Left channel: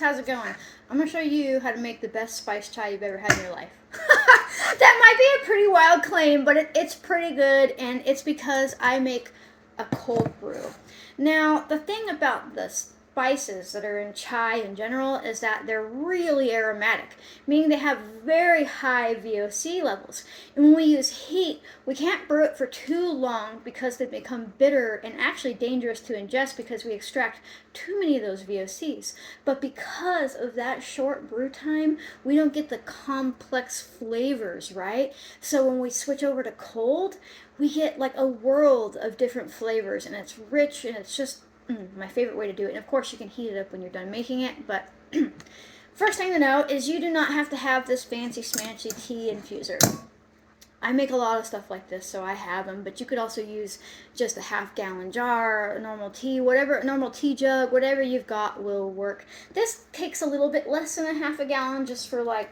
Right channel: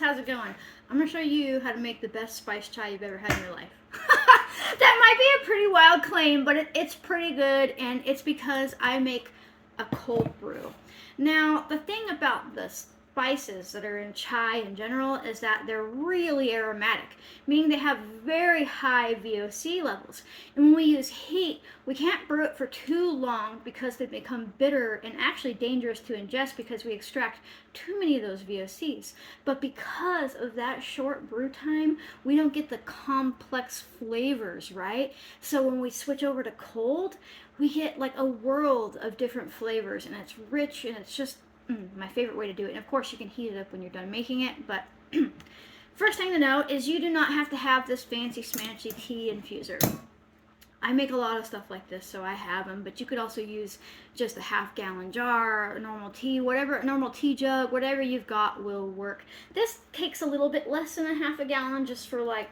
Alex, how's it going? I'm going to show you how to make the best spiced chai you've ever had in your life. That might be a pretty wild claim, but it's pretty good, and it's because I make a cold brew. Now, the thing about the spices that are in chai in general is that they're really aromatic, meaning they have very high VOC levels. And when we use heat, we can't brew it for too long because they become bitter and actually dangerous to ingest because we extract too many of those VOCs. But because of that short brew time, we don't get the complex flavors, right? So when we switch over to cold, we get like a world of different flavors, and it's rich, and it's just my favorite way to do it. And of course, you can heat it up when you're done making it, but first thing to know is you do not have to have this fancy smancy tea infuser. I make a lot of stuff like this, so I have them, but you could also use just a half-gallon jar, a normal tea, whatever, normal tea jug, whatever you've got will work. This takes a little bit less than a half a gallon just for like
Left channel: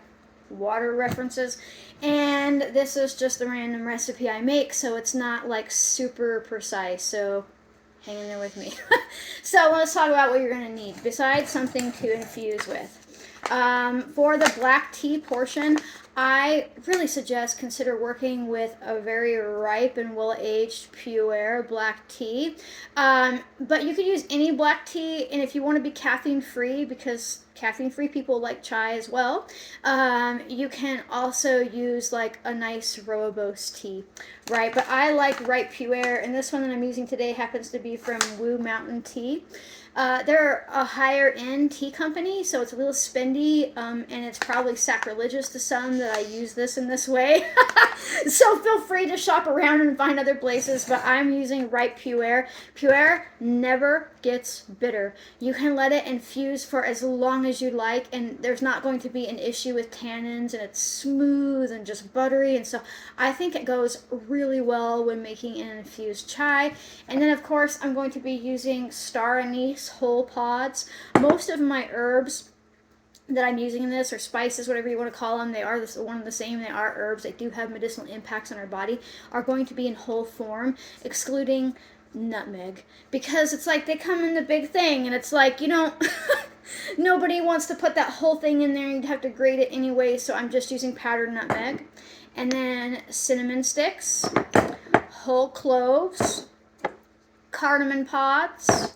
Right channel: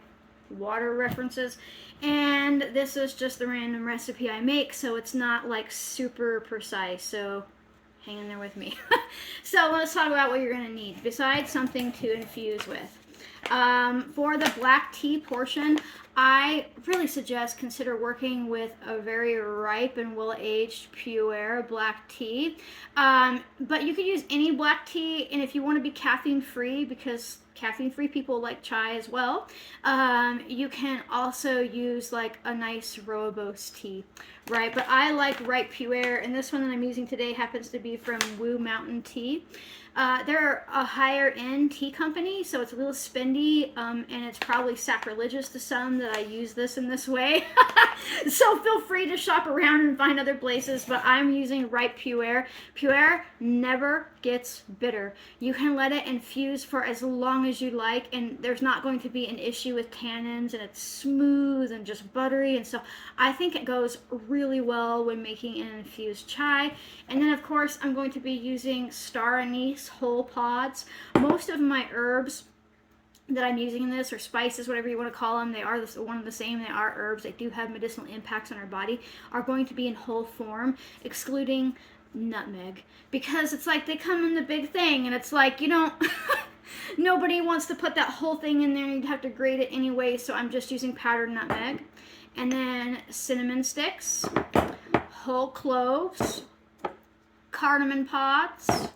water references, and this is just the random recipe I make, so it's not like super precise, so hang in there with me. So let's talk about what you're going to need besides something to infuse with. For the black tea portion, I really suggest consider working with a very ripe and well-aged pure black tea. But you could use any black tea, and if you want to be caffeine-free, because caffeine-free people like chai as well, you can also use like a nice rooibos tea, right? But I like ripe pure, and this one that I'm using today happens to be from Wu Mountain Tea. They're a higher end tea company, so it's a little spendy, and it's probably sacrilegious to some that I use this in this way. So feel free to shop around and find other places, but I'm using ripe pure. Pure never gets bitter. You can let it infuse for as long as you like, and there's not going to be an issue with tannins, and it's smooth and just buttery, and so I think it goes really well when making an infused chai. And then of course I'm going to be using star anise whole pods. Most of my herbs that I'm using in this, or spices, whatever you want to call them, they are one and the same. They are herbs. They do have medicinal impacts on our body, are going to be in whole form, excluding nutmeg, because it's like they come in the big thing, and it's like, you know, nobody wants to put that whole thing in there. You'd have to grate it anyway, so I'm just using powdered nutmeg. And then cinnamon sticks, whole cloves, cardamom pods,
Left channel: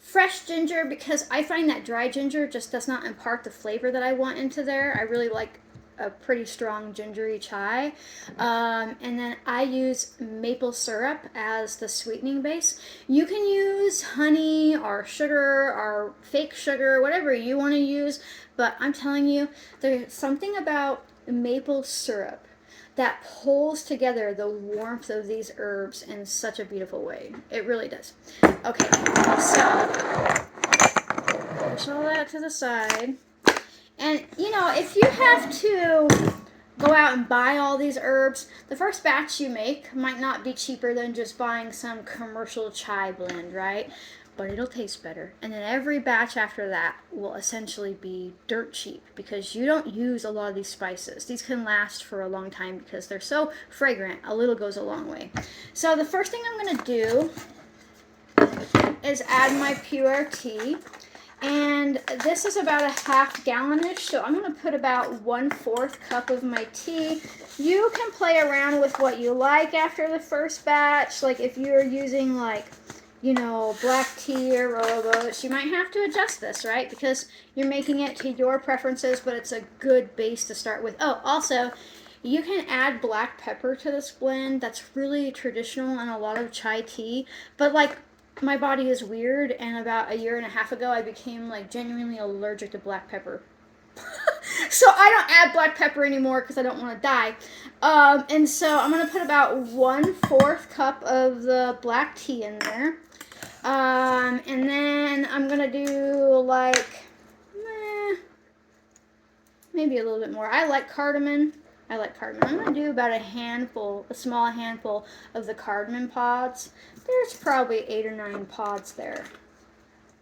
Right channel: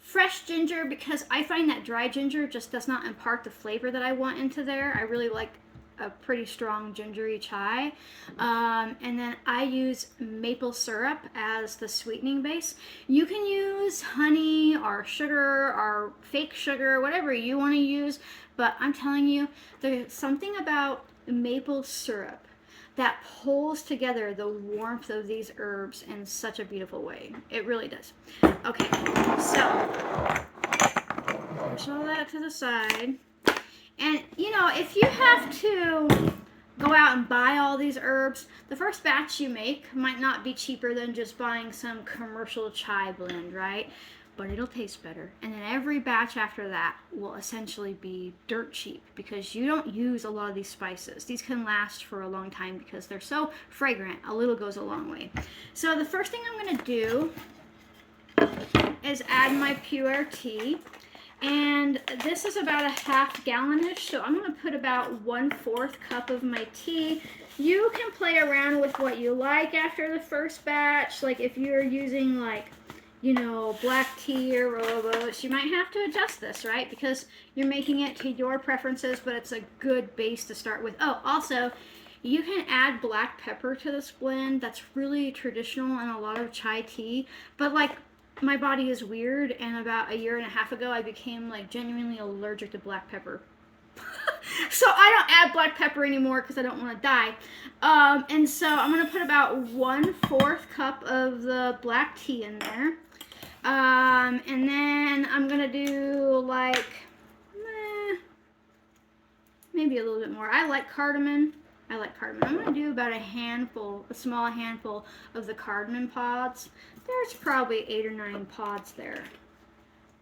fresh ginger, because I find that dry ginger just does not impart the flavor that I want into there. I really like a pretty strong gingery chai. And then I use maple syrup as the sweetening base. You can use honey or sugar or fake sugar, whatever you want to use, but I'm telling you, there's something about maple syrup that pulls together the warmth of these herbs in such a beautiful way. It really does. Okay, so push all that to the side. And, you know, if you have to go out and buy all these herbs, the first batch you make might not be cheaper than just buying some commercial chai blend, right? But it'll taste better. And then every batch after that will essentially be dirt cheap because you don't use a lot of these spices. These can last for a long time because they're so fragrant. A little goes a long way. So the first thing I'm going to do is add my pure tea. And this is about a half gallon-ish, so I'm going to put about 1/4 cup of my tea. You can play around with what you like after the first batch. Like if you're using like, you know, black tea or rooibos, you might have to adjust this, right? Because you're making it to your preferences, but it's a good base to start with. Oh, also, you can add black pepper to this blend. That's really traditional in a lot of chai tea, but like, my body is weird, and about 1.5 years ago, I became like genuinely allergic to black pepper. So I don't add black pepper anymore because I don't want to die. And so I'm going to put about 1/4 cup of the black tea in there. And then I'm going to do like, maybe a little bit more. I like cardamom. I'm going to do about a small handful of the cardamom pods. There's probably 8 or 9 pods there.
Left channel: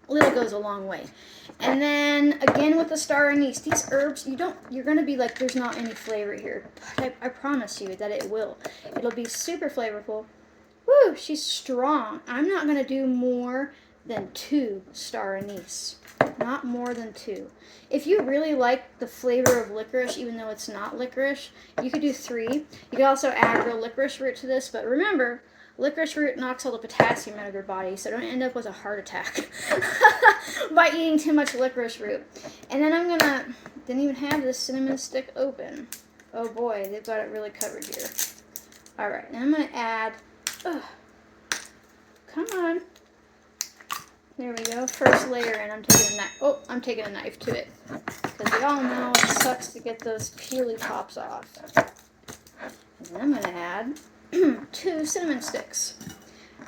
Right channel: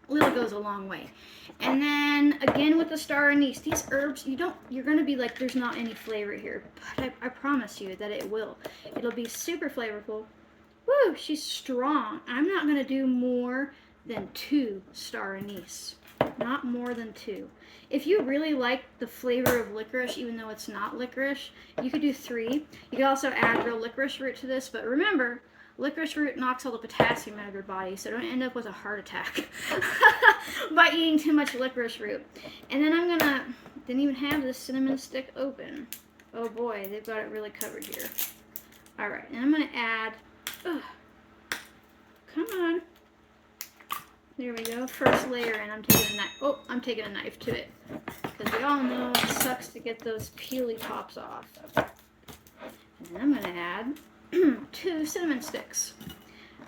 Little goes a long way. And then again with the star anise, these herbs, you're going to be like, there's not any flavor here. But I promise you that it will. It'll be super flavorful. Woo, she's strong. I'm not going to do more than 2 star anise. Not more than 2. If you really like the flavor of licorice, even though it's not licorice, you could do 3. You could also add real licorice root to this, but remember, licorice root knocks all the potassium out of your body, so don't end up with a heart attack by eating too much licorice root. And then I'm gonna, didn't even have the cinnamon stick open. Oh boy, they've got it really covered here. All right, and I'm gonna add, come on. There we go. First layer, and I'm taking a knife. Oh, I'm taking a knife to it, because we all know it sucks to get those peely tops off. And then I'm gonna add 2 cinnamon sticks.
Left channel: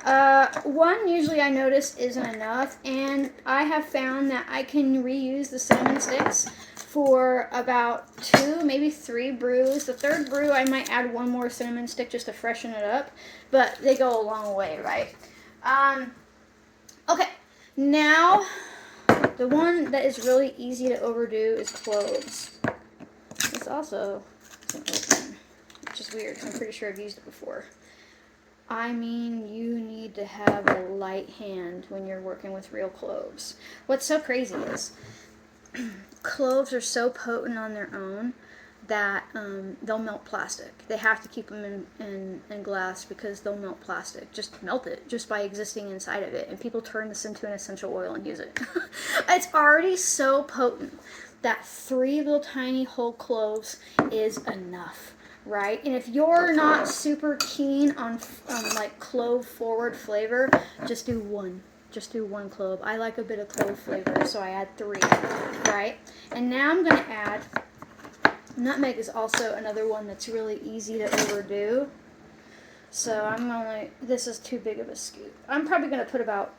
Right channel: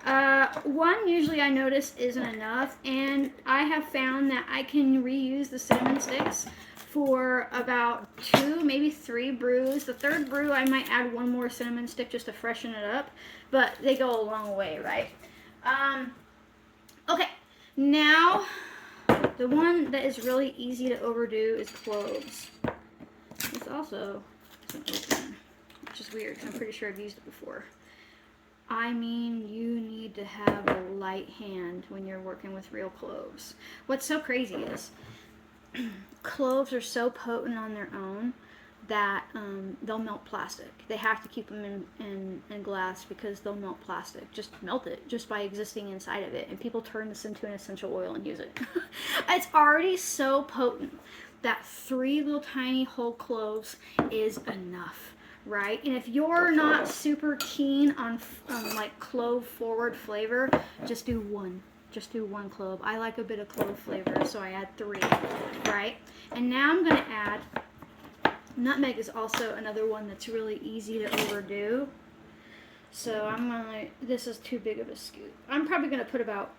1 usually I notice isn't enough, and I have found that I can reuse the cinnamon sticks for about 2, maybe 3 brews. The 3rd brew I might add 1 more cinnamon stick just to freshen it up, but they go a long way, right? Okay. Now, the one that is really easy to overdo is cloves. This also isn't open, which is weird because I'm pretty sure I've used it before. I mean, you need to have a light hand when you're working with real cloves. What's so crazy is cloves are so potent on their own that they'll melt plastic. They have to keep them in glass because they'll melt plastic. Just melt it just by existing inside of it. And people turn this into an essential oil and use it. It's already so potent that 3 little tiny whole cloves is enough, right? And if you're not super keen on like clove forward flavor, just do 1. Just do 1 clove. I like a bit of clove flavor, so I add 3, right? And now I'm going to add, nutmeg is also another one that's really easy to overdo. So I'm gonna, this is too big of a scoop. I'm probably gonna put about,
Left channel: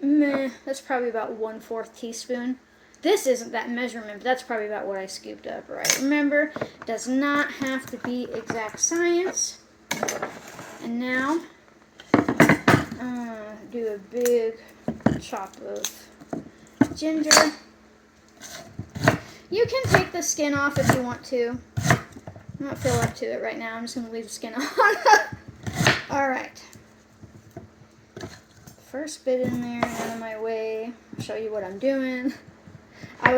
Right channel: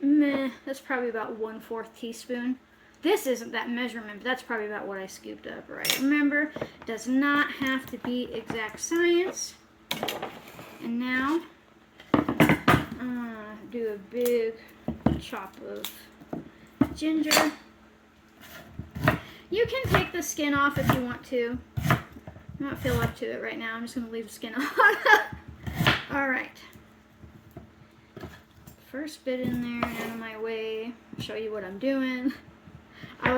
that's probably about 1/4 teaspoon. This isn't that measurement, but that's probably about what I scooped up, right? Remember, does not have to be exact science. And now, I'm gonna do a big chop of ginger. You can take the skin off if you want to. I'm not feeling up to it right now. I'm just going to leave the skin on. Alright. First bit in there, out of my way. Show you what I'm doing. I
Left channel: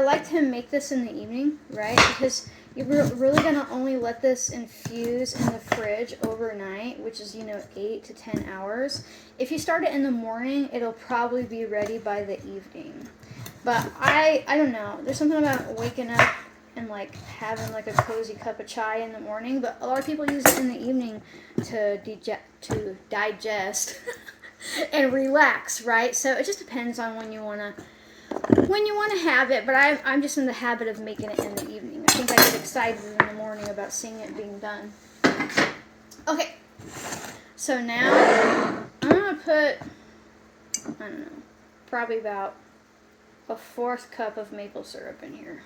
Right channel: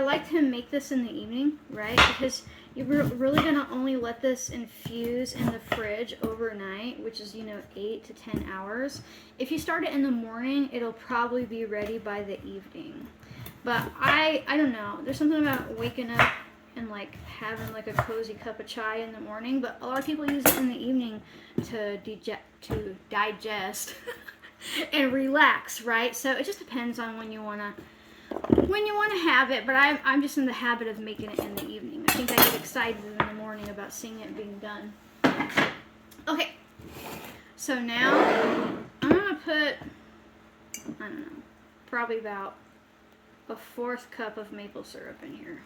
like to make this in the evening, right? Because you're really going to only let this infuse in the fridge overnight, which is, 8 to 10 hours. If you start it in the morning, it'll probably be ready by the evening. But I don't know. There's something about waking up and like having like a cozy cup of chai in the morning. But a lot of people use it in the evening to digest and relax, right? So it just depends on when you wanna have it. But I'm just in the habit of making it in the evening. I think I get excited in the morning about seeing it being done. Okay. So now I'm gonna put, I don't know, probably about a 1/4 cup of maple syrup in here.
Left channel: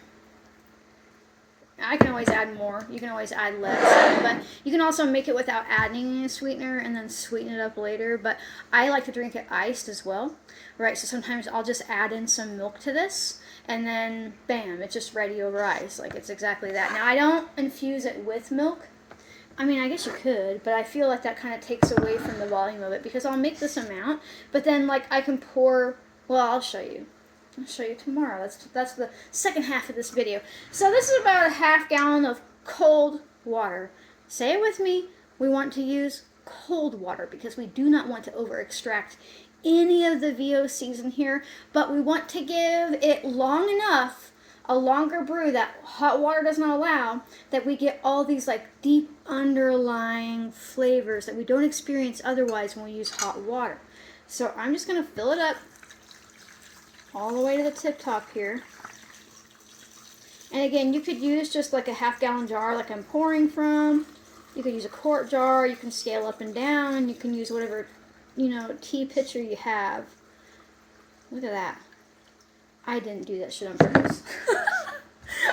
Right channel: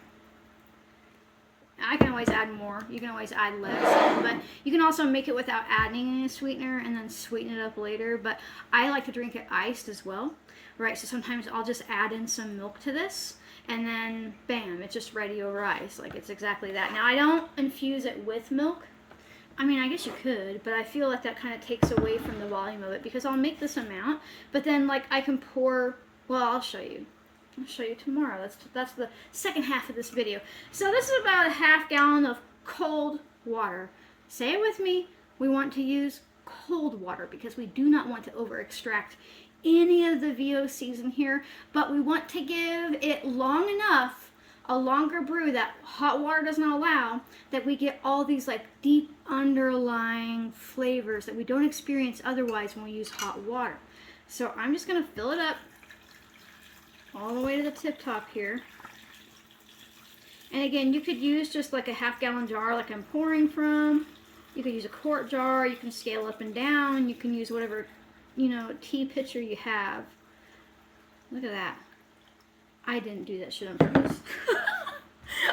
I can always add more. You can always add less. But you can also make it without adding any sweetener and then sweeten it up later. But I like to drink it iced as well, right? So sometimes I'll just add in some milk to this. And then, bam, it's just ready over ice. Like, it's exactly that. Now, I don't infuse it with milk. I mean, I guess you could, but I feel like that kind of takes away from the volume of it. Because I'll make this amount. But then, like, I can pour, well, I'll show you. I'll show you tomorrow. That's the second half of this video. So this is about a 1/2 gallon of cold water. Say it with me. We want to use cold water because we do not want to over extract any of the VOCs in here, but we want to give it long enough, a longer brew that hot water doesn't allow, that we get all these like deep underlying flavors that we don't experience otherwise when we use hot water. So I'm just going to fill it up all the way to the tip top here. And again, you could use just like a 1/2 gallon jar like I'm pouring from. You could use a quart jar. You can scale up and down. You can use whatever, tea pitcher you have. Look at that. I didn't do that shit on purpose.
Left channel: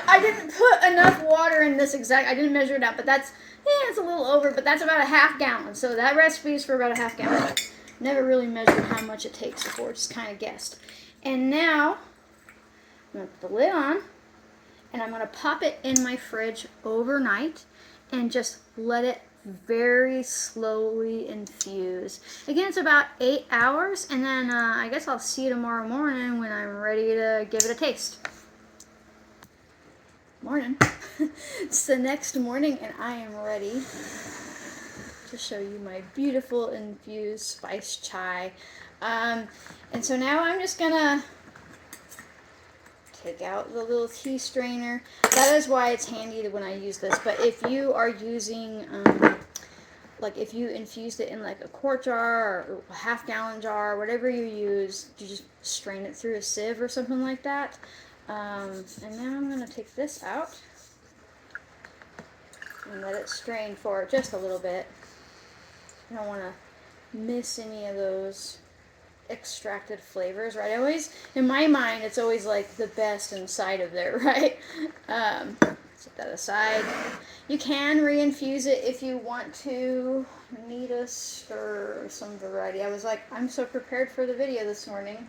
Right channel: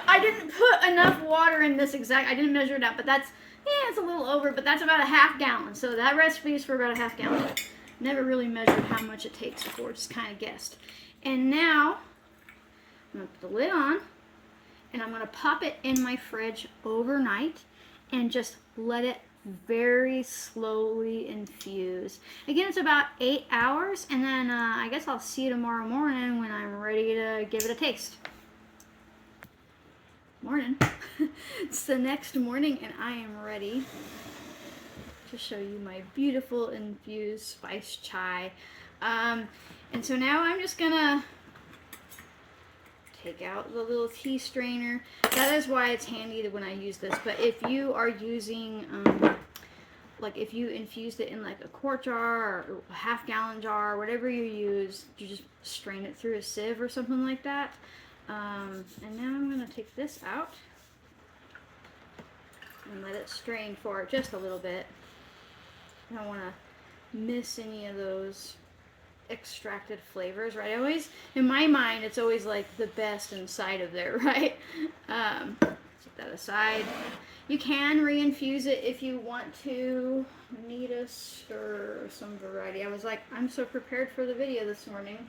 I didn't put enough water in this I didn't measure it out, but that's, it's a little over, but that's about a 1/2 gallon. So that recipe is for about a 1/2 gallon. Never really measured how much it takes before, just kind of guessed. And now, I'm going to put the lid on, and I'm going to pop it in my fridge overnight and just let it very slowly infuse. Again, it's about 8 hours, and then I guess I'll see you tomorrow morning when I'm ready to give it a taste. Morning. It's the next morning, and I am ready to show you my beautiful infused spice chai. And so now I'm just gonna take out the little tea strainer. That is why it's handy when I use this. But if you are using, like if you infused it in like a quart jar or a half-gallon jar, whatever you use, you just strain it through a sieve or something like that. And now I'm gonna take this out and let it strain for just a little bit. I don't want to miss any of those extracted flavors, right? In my mind, it's always like the best inside of there, right? Set that aside. You can re-infuse it if you want to. Need a stir or some variety. I was like, I'm so prepared for the video this morning.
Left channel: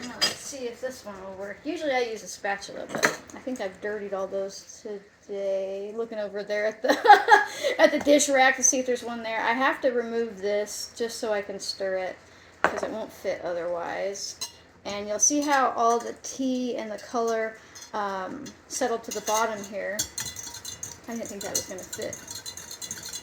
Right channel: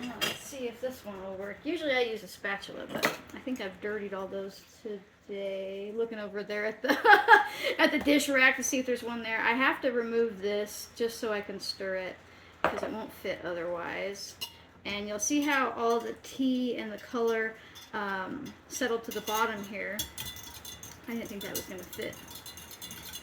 Let's see if this one will work. Usually I use a spatula, but I think I've dirtied all those today. Looking over there at the at the dish rack to see if there's one there. I have to remove this just so I can stir it because it won't fit otherwise. And you'll see how all the tea and the color settled to the bottom here. I didn't think that was going to fit.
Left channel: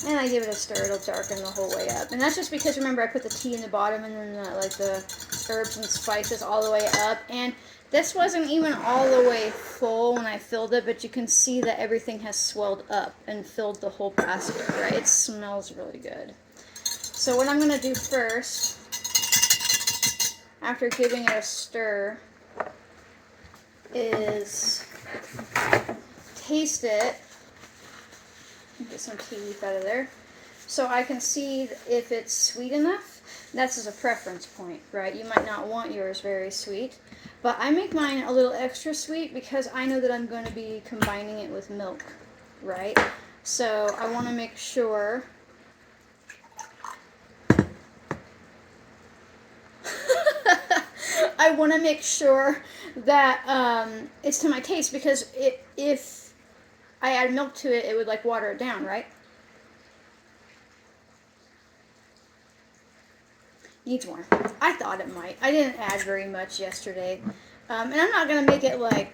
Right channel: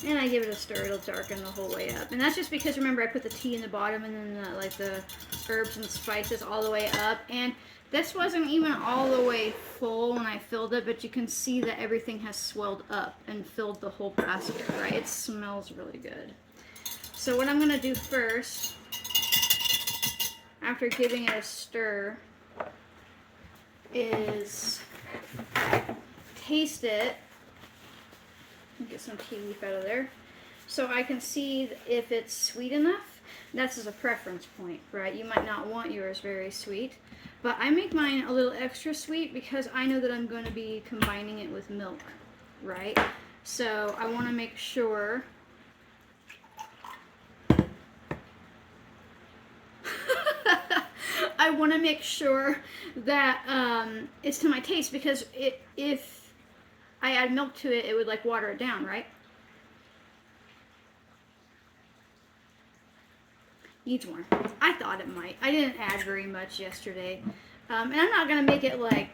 And I give it a stir, it'll darken the whole way up. And that's just because, remember, I put the tea in the bottom and then the herbs and spices all the way up. And this wasn't even all the way full when I filled it, but you can see that everything has swelled up and filled the whole basket, right? It smells really good. So what I'm going to do first, after giving it a stir, is taste it. Get some tea leaf out of there so I can see if it's sweet enough. That's just a preference point, right? You might not want yours very sweet, but I make mine a little extra sweet because I know that I'm going to be combining it with milk, right? So I want to make sure that it's to my taste, because if I add milk to it, it would like water it down, right? Needs more. I thought it might. I didn't add very much yesterday. And I'm not going to make it like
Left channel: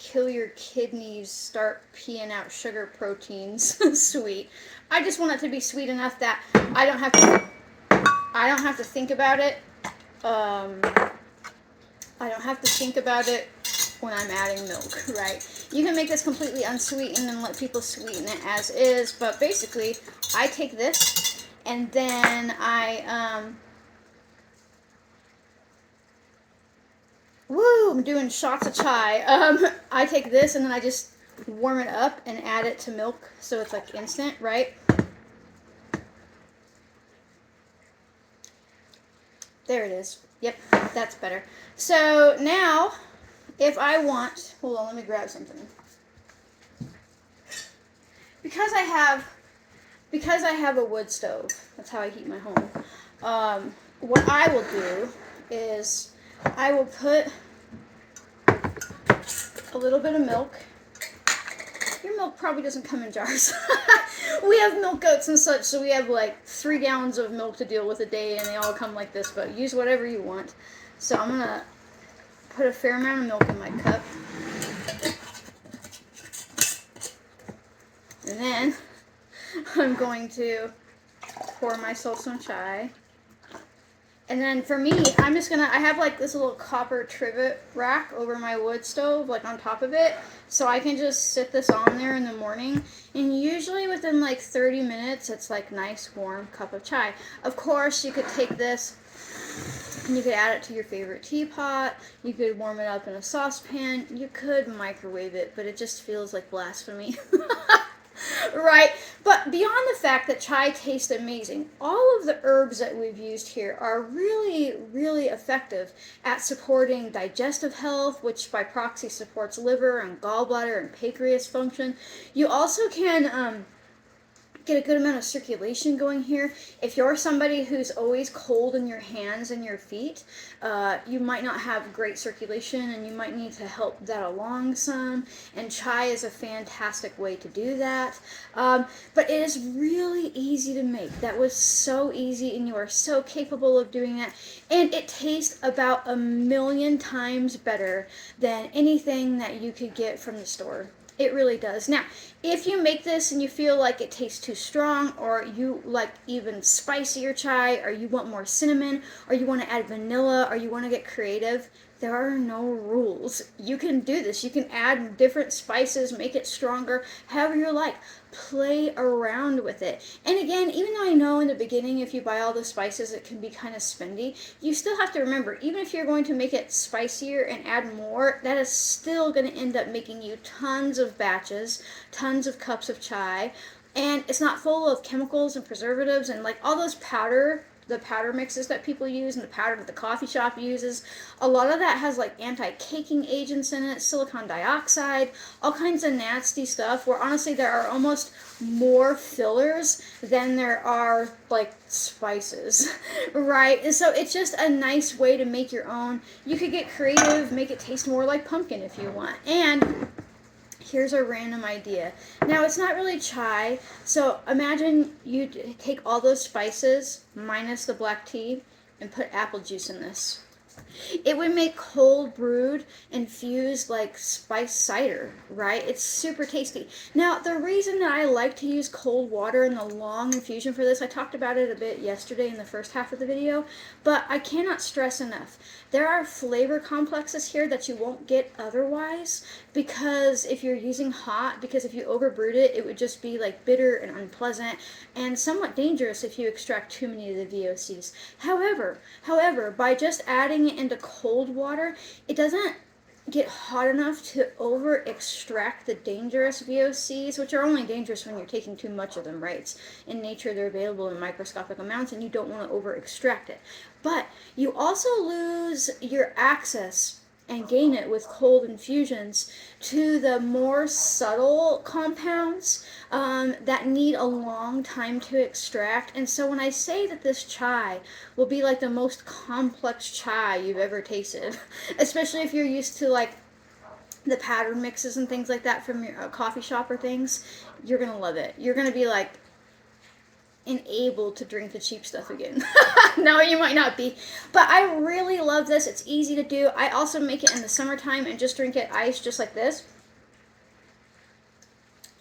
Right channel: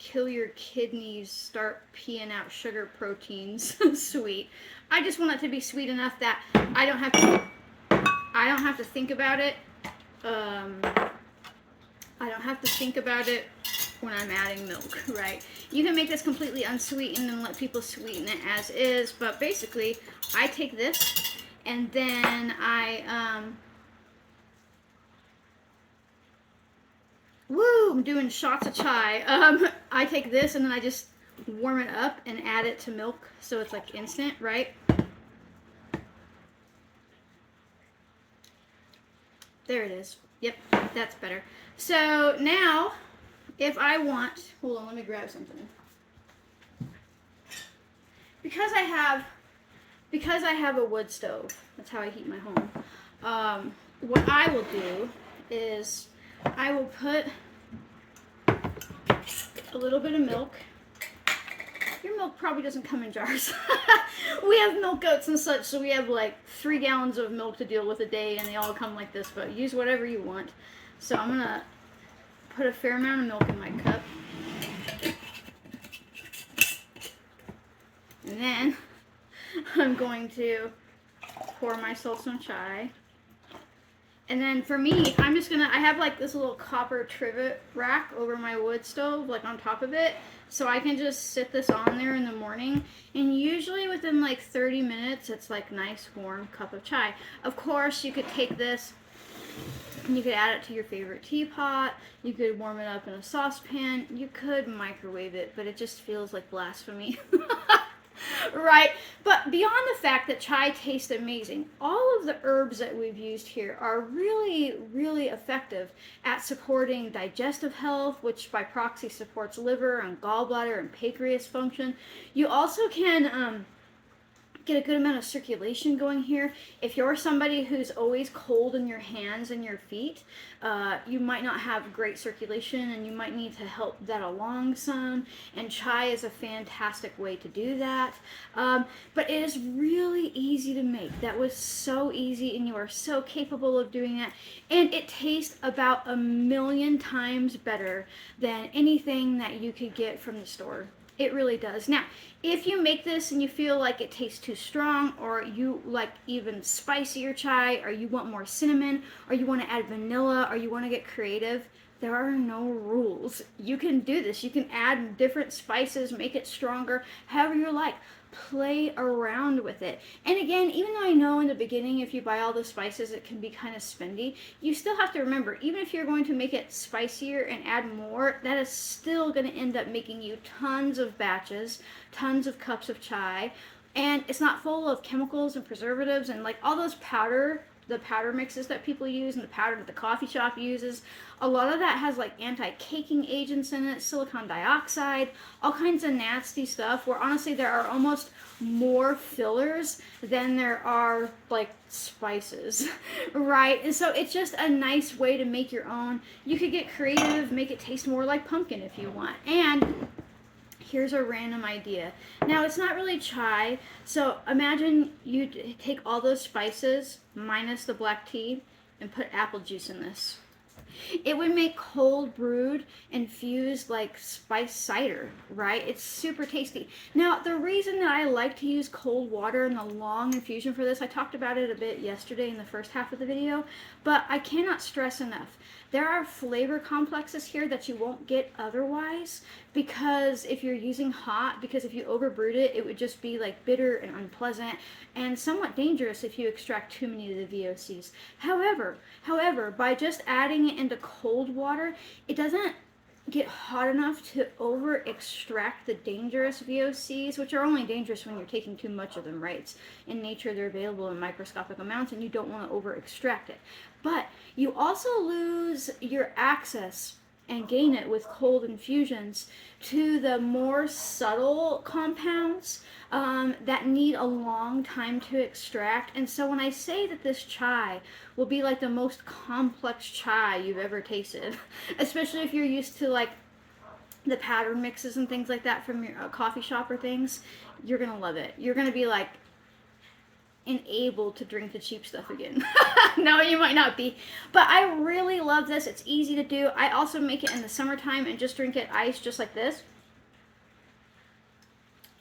kill your kidneys, start peeing out sugar proteins sweet. I just want it to be sweet enough that I don't have to think about it. I don't have to think about it when I'm adding milk, right? You can make this completely unsweetened and let people sweeten it as is, but basically, I take this and then I'm doing shots of chai. I take this and then I just warm it up and add it to milk so it's like instant, right? There it is. Yep, that's better. So now, if I want, hold on, let me grab something. Because I have a wood stove, that's how I heat my home. What I will do is I will put a little bit of milk. Your milk probably doesn't come in jars. We have milk goats and such, so we have like 3 gallons of milk to deal with a day, and they all come like this, but use whatever you want. So I'm going to put a fair amount of milk in my cup. And then I'm going to pour myself some chai. And then for me, I have like this little copper trivet rack over my wood stove, like on top of it. So I can just sit this on there in the morning. And usually within like 30 minutes, it's like nice warm cup of chai. Of course, you could take this and you could add it to your favorite teapot. You could warm it up in a saucepan. You could microwave it, but it just feels like blasphemy. Right? But beyond the fact that chai tastes amazing, all of the herbs that we've used here are really, really effective at supporting digestive health, which by proxy supports liver and gallbladder and pancreas function. You also can get a good amount of circulation going here. If you're somebody who's always cold in your hands and your feet, you might not have great circulation, and you might need to help that along some, and chai is a fantastic way to do that. But it is really easy to make. That was so easy, and you are so capable of doing it, and it tastes about 1,000,000 times better than anything that you could get from the store. It really does. Now, if you make this and you feel like it tastes too strong, or you like even spicier chai, or you want more cinnamon, or you want to add vanilla, or you want to get creative, there are no rules. You can do this. You can add different spices, make it stronger, however you like. Play around with it. And again, even though I know in the beginning, if you buy all the spices, it can be kind of spendy, you still have to remember, even if you're going to make it spicier and add more, that is still going to end up making you tons of batches, tons of cups of chai, and it's not full of chemicals and preservatives and like all those the powder mixes that people use and the powder that the coffee shop uses. A lot of that has like anti-caking agents in it, silicon dioxide, all kinds of nasty stuff, where honestly there are almost more fillers than there are like spices, right? And so it's just a nice way to make your own. You could get creative, make it taste more like pumpkin if you want. And here's a random idea. Now, it's not really chai, so imagine you take all those spices, minus the black tea, and put apple juice in this. It would make cold brewed infused like spice cider, right? It's super tasty. Now, the reason that I like to use cold water in the long infusion for this, I talked about it a bit yesterday in the first half of the video, but I cannot stress enough. There are flavor complexes here that you won't get otherwise, because if you're using hot, because if you overbrewed it, it would just be like bitter and unpleasant and somewhat dangerous if you extract too many of the VOCs. However, by just adding it into cold water, it doesn't get hot enough to over extract the dangerous VOCs, which are only dangerous when you're taking too much of them, right? It's in nature, they're available in microscopic amounts, and you don't want to over extract it. But you also lose your access and gain it with cold infusions to the more subtle compounds that need a long time to extract. And so when I say that this chai will be like the most complex chai you've ever tasted, especially if you're used to like the powder mixes and things like that from your coffee shop or things, you're gonna love it. You're gonna be like enabled to drink the cheap stuff again. No, you might not be, but I really love this. It's easy to do. I also make it in the summertime and just drink it iced, just like this.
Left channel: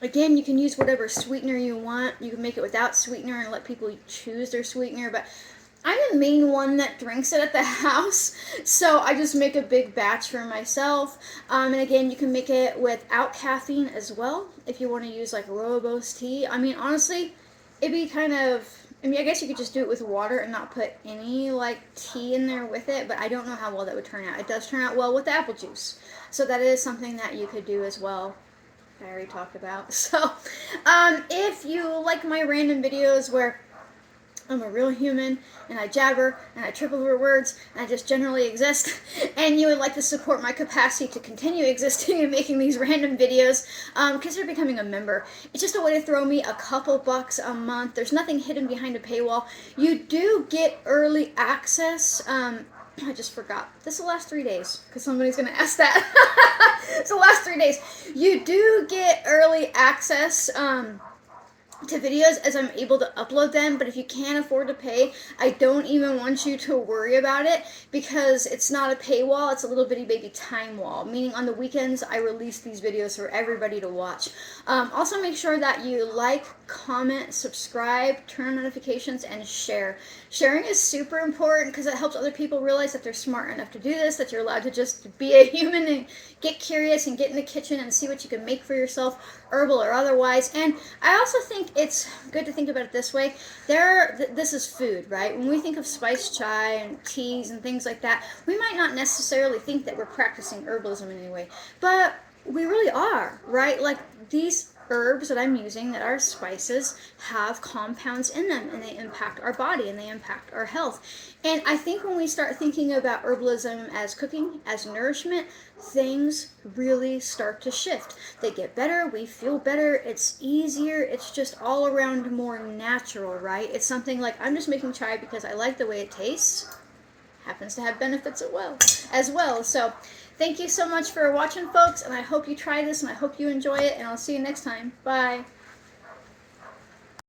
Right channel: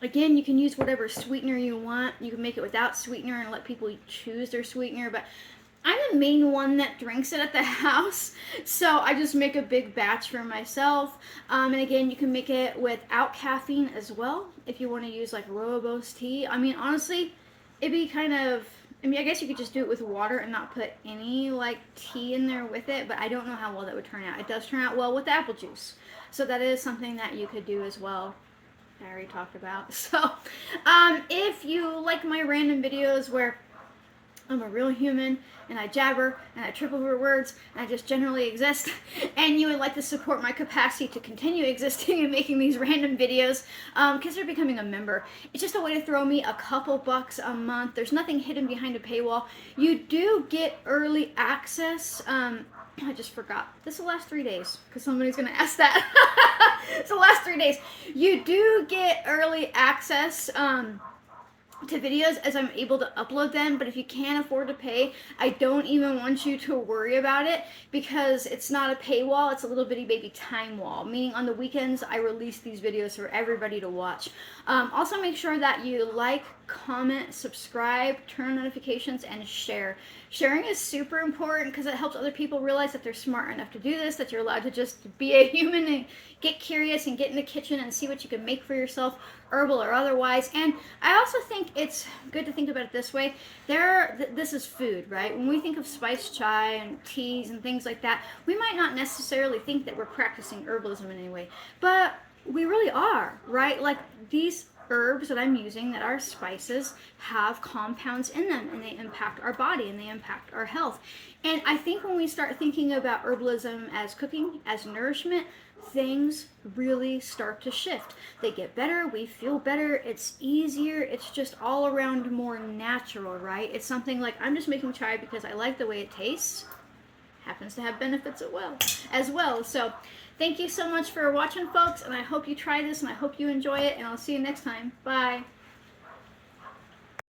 Again, you can use whatever sweetener you want. You can make it without sweetener and let people choose their sweetener, but I'm the main one that drinks it at the house, so I just make a big batch for myself. And again, you can make it without caffeine as well if you want to use like rooibos tea. I mean, honestly, it'd be kind of, I mean, I guess you could just do it with water and not put any like tea in there with it, but I don't know how well that would turn out. It does turn out well with apple juice, so that is something that you could do as well. I already talked about. So if you like my random videos where I'm a real human and I jabber and I trip over words and I just generally exist, and you would like to support my capacity to continue existing and making these random videos, consider becoming a member. It's just a way to throw me a couple bucks a month. There's nothing hidden behind a paywall. You do get early access. I just forgot. This will last 3 days, because somebody's going to ask that. It's the last 3 days. You do get early access to videos as I'm able to upload them, but if you can't afford to pay, I don't even want you to worry about it, because it's not a paywall, it's a little bitty baby time wall, meaning on the weekends I release these videos for everybody to watch. Also make sure that you like, comment, subscribe, turn notifications, and share. Sharing is super important because it helps other people realize that they're smart enough to do this, that you're allowed to just be a human and get curious and get in the kitchen and see what you can make for yourself, herbal or otherwise. And I also think it's good to think about it this way. This is food, right? When we think of spiced chai and teas and things like that, we might not necessarily think that we're practicing herbalism in any way, but we really are, right? Like these herbs that I'm using, that are spices, have compounds in them, and they impact our body and they impact our health. And I think when we start thinking about herbalism as cooking, as nourishment, things really start to shift. They get better, we feel better, it's easier, it's just all around more natural, right? It's something like, I'm just making chai because I like the way it tastes. Happens to have benefits as well. So thank you so much for watching, folks, and I hope you try this and I hope you enjoy it, and I'll see you next time. Bye.